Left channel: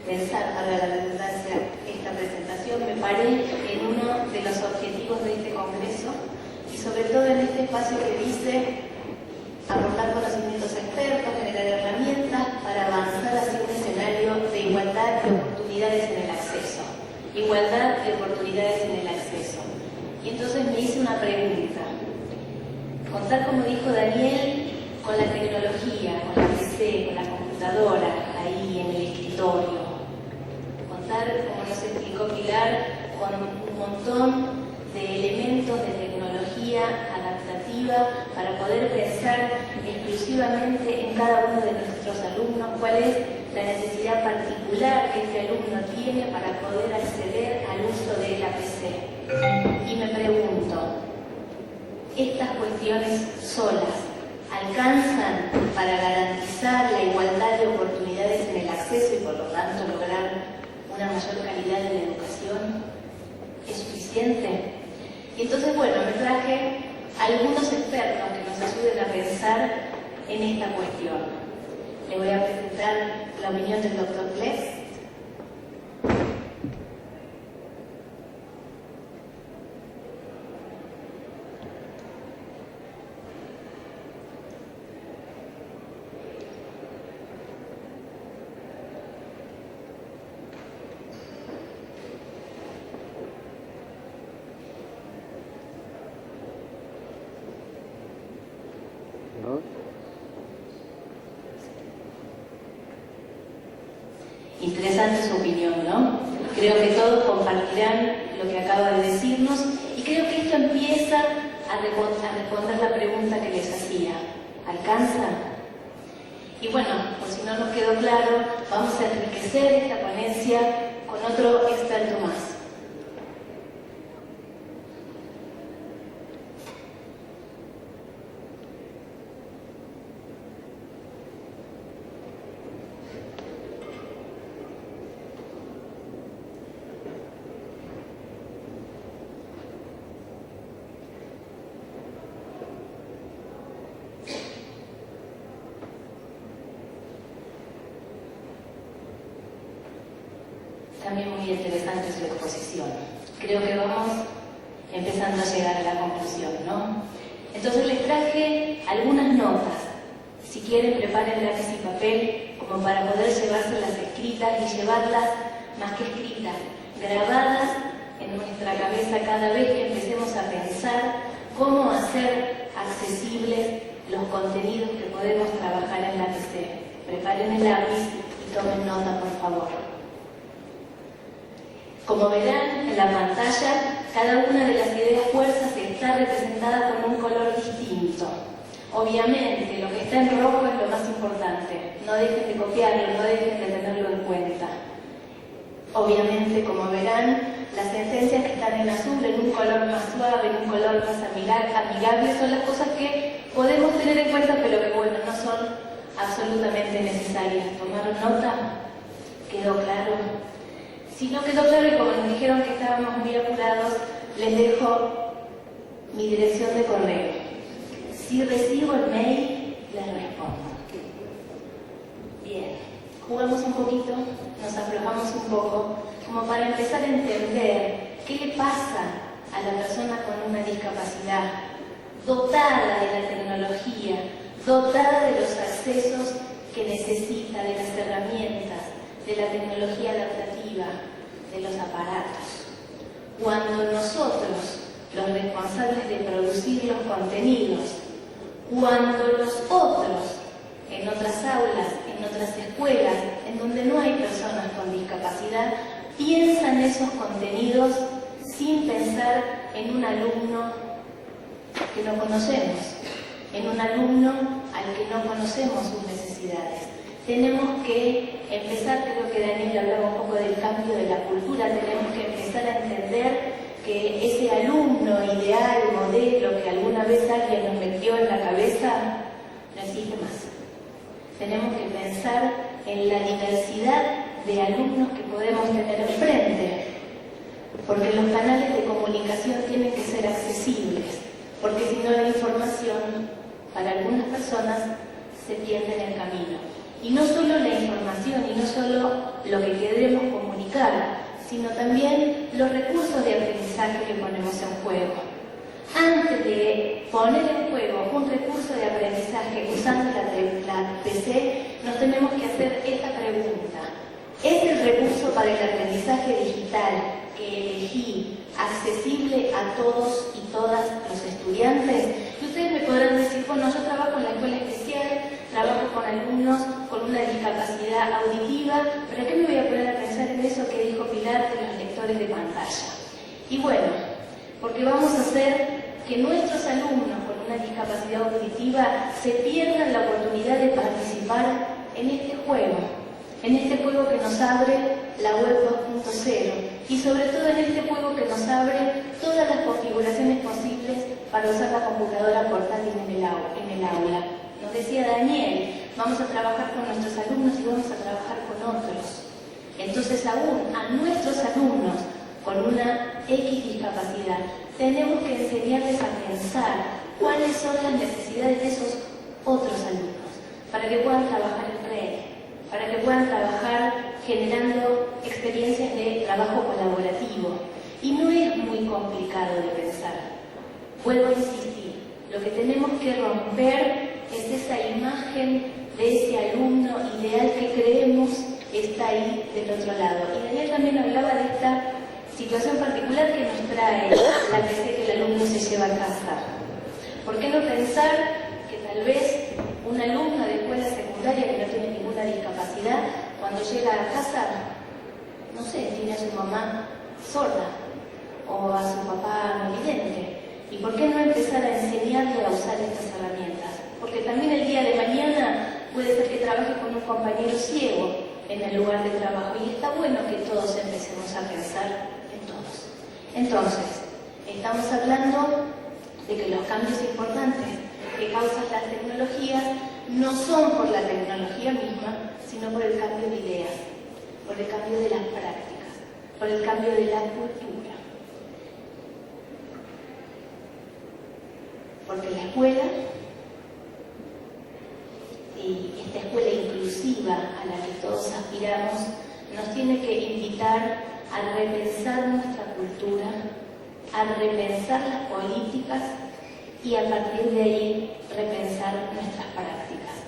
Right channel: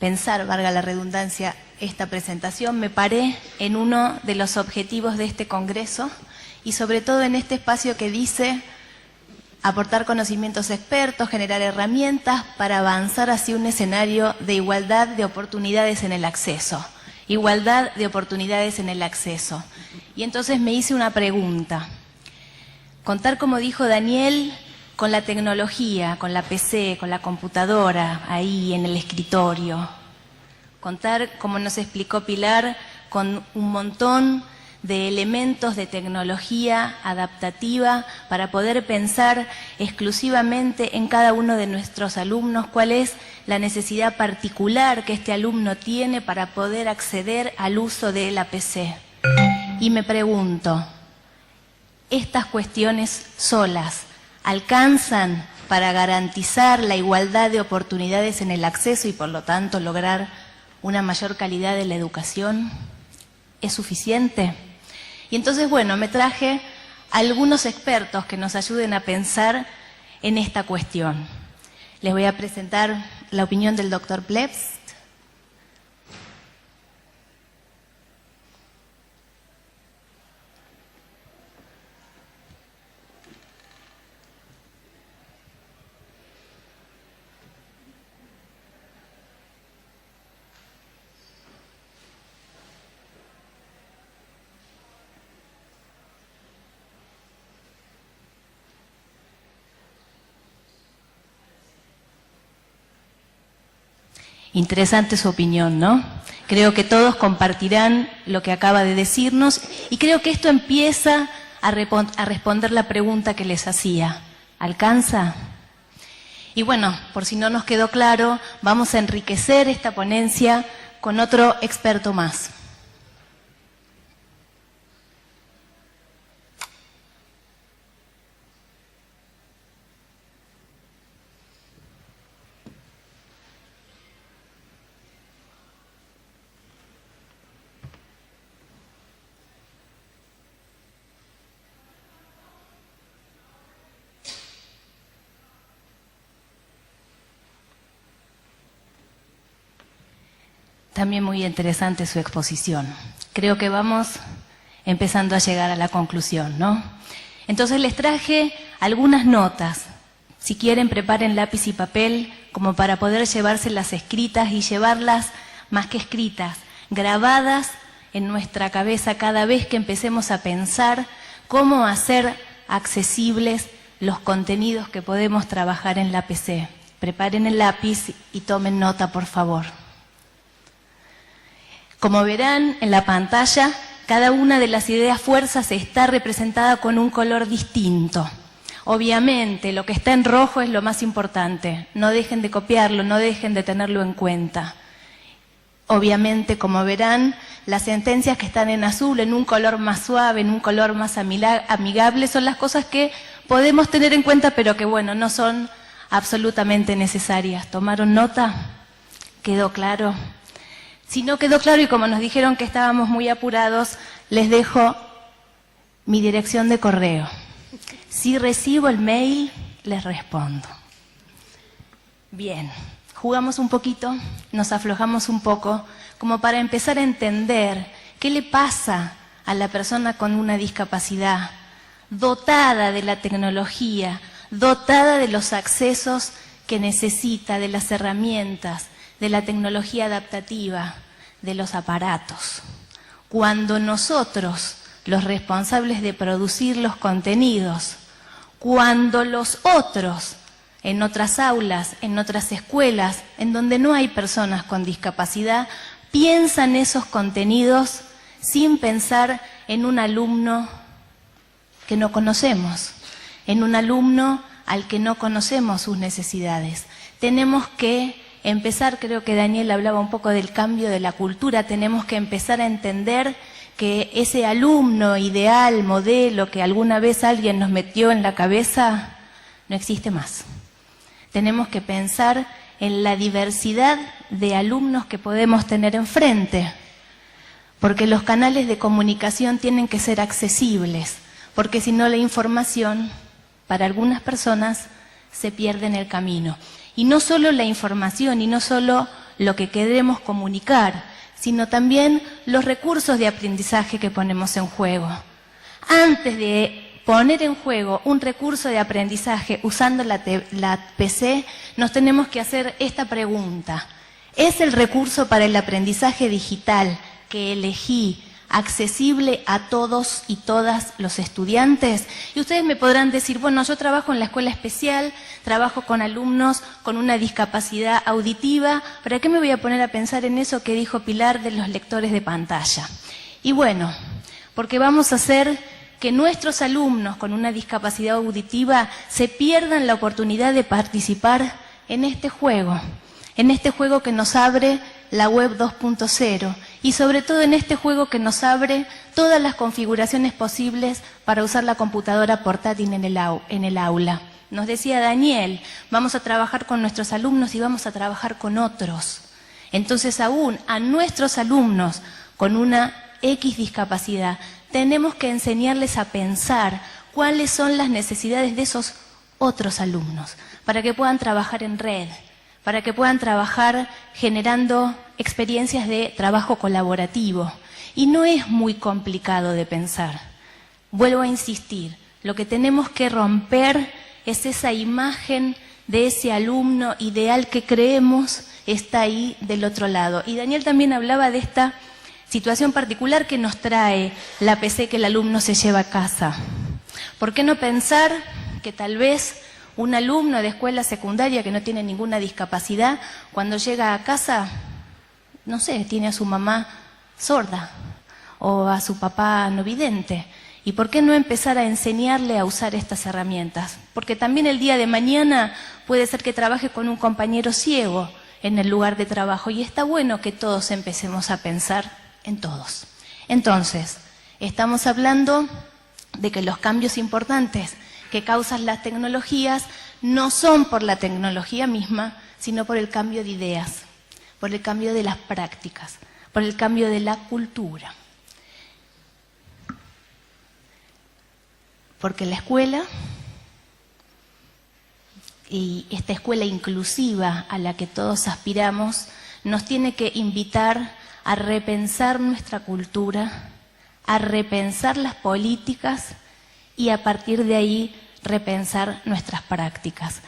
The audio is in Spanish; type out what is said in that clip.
pensar, valga la redundancia, esta presentación, me paré en uno de los objetivos de este congreso y sobre todo en este espacio que dice aportar conocimientos expertos, generar herramientas para avanzar hacia un escenario de igualdad de oportunidades en el acceso. Igualdad de oportunidades en el acceso. Y entonces me hice una pregunta. Contar, como dijo Daniel, con la tecnología, con la PC, con la computadora, ahí en el escritorio. Contar, como nos explicó Pilar, con un montón de elementos de tecnología adaptativa para poder pensar exclusivamente en cada uno de nuestros alumnos cuál es la necesidad particular que este alumno tiene para poder acceder al uso de la PC. Y me pregunto, ¿estas cuestiones solas alcanzan para garantizar la igualdad de oportunidades en el acceso y por lo tanto lograr una mayor calidad de la educación? ¿Es suficiente? Y entonces, bueno, me traje algunos expertos que nos ayuden a pensar en esta cuestión. Les voy a presentar la opinión del doctor Plebs. Interesante su opinión, ¿no? Creo que todos compartirán lo que acaba de decirnos y creo que esto empieza a responder la pregunta que les hacía. ¿Alcanza? Y bueno, por si no nos quedó claro, vamos a enriquecer esta ponencia con otro experto más. También muy interesante su exposición. Creo que vamos empezando a llegar a la conclusión, ¿no? Entonces les traje algunas notas. Si quieren, preparen lápiz y papel como para poder llevárselas escritas y llevarlas, más que escritas, grabadas en nuestra cabeza cada vez que empecemos a pensar cómo hacer accesibles los contenidos que podemos trabajar en la PC. Preparen el lápiz y tomen nota, por favor. Como verán en la pantalla, cada una de las ideas fuerzas está representada con un color distinto. Obviamente, lo que está en rojo es lo más importante. No dejen de copiarlo, no dejen de tenerlo en cuenta. Obviamente, como verán, las sentencias que están en azul, en un color más suave, en un color más amigable, son las cosas que podemos tener en cuenta, pero que, bueno, no son absolutamente necesarias. ¿Tomaron nota? ¿Quedó claro? Si no quedó claro y como nos dijeron que estábamos muy apurados, les dejo mi dirección de correo. Si recibo el mail, les respondo. Bien, jugamos un poquito, nos aflojamos un poco, como para empezar a entender qué le pasa a la persona con una discapacidad, dotada de la tecnología, dotada de los accesos que necesita, de las herramientas, de la tecnología adaptativa, de los aparatos. Cuando nosotros, los responsables de producir los contenidos, cuando los otros, en otras aulas, en otras escuelas, en donde no hay personas con discapacidad, piensan esos contenidos sin pensar en un alumno que no conocemos, en un alumno al que no conocemos sus necesidades. Tenemos que empezar, creo que Daniel hablaba un poco del cambio de la cultura, tenemos que empezar a entender que ese alumno ideal, modelo, que alguna vez alguien nos metió en la cabeza, no existe más. Tenemos que pensar en la diversidad de alumnos que podemos tener enfrente, porque los canales de comunicación tienen que ser accesibles, porque si no la información, para algunas personas, se pierde en el camino. Y no solo la información y no solo lo que queremos comunicar, sino también los recursos de aprendizaje que ponemos en juego. Antes de poner en juego un recurso de aprendizaje usando la PC, nos tenemos que hacer esta pregunta. ¿Es el recurso para el aprendizaje digital que elegí accesible a todos y todas los estudiantes? Y ustedes me podrán decir, bueno, yo trabajo en la escuela especial, trabajo con alumnos con una discapacidad auditiva, ¿para qué me voy a poner a pensar en eso que dijo Pilar de los lectores de pantalla? Y bueno, porque vamos a hacer que nuestros alumnos con una discapacidad auditiva se pierdan la oportunidad de participar en este juego que nos abre la web 2.0 y sobre todo en este juego que nos abre todas las configuraciones posibles para usar la computadora portátil en el aula. Nos decía Daniel, vamos a trabajar con nuestros alumnos y vamos a trabajar con otros. Entonces aún a nuestros alumnos con una X discapacidad tenemos que enseñarles a pensar cuáles son las necesidades de esos otros alumnos para que puedan trabajar en red, para que puedan trabajar generando experiencias de trabajo colaborativo. Y no es muy complicado de pensar. Vuelvo a insistir, lo que tenemos que romper es esa imagen de ese alumno ideal que creemos está ahí del otro lado. Y Daniel también hablaba de esta situación particular que nos trae la PC que el alumno se lleva a casa. ¿Por qué no pensar que tal vez un alumno de escuela secundaria que no tiene ninguna discapacidad, cuando llega a casa, no sé, tiene a su mamá sorda o a su papá no vidente? ¿Y por qué no empezar a enseñarle a usar estas herramientas? Porque también el día de mañana puede ser que trabaje con un compañero ciego en el lugar de trabajo y está bueno que todos empecemos a pensar en todos. Entonces, estamos hablando de que los cambios importantes que causan las tecnologías no son por la tecnología misma, sino por el cambio de ideas, por el cambio de las prácticas, por el cambio de la cultura. Porque la escuela, y esta escuela inclusiva a la que todos aspiramos, nos tiene que invitar a repensar nuestra cultura, a repensar las políticas y a partir de ahí repensar nuestras prácticas.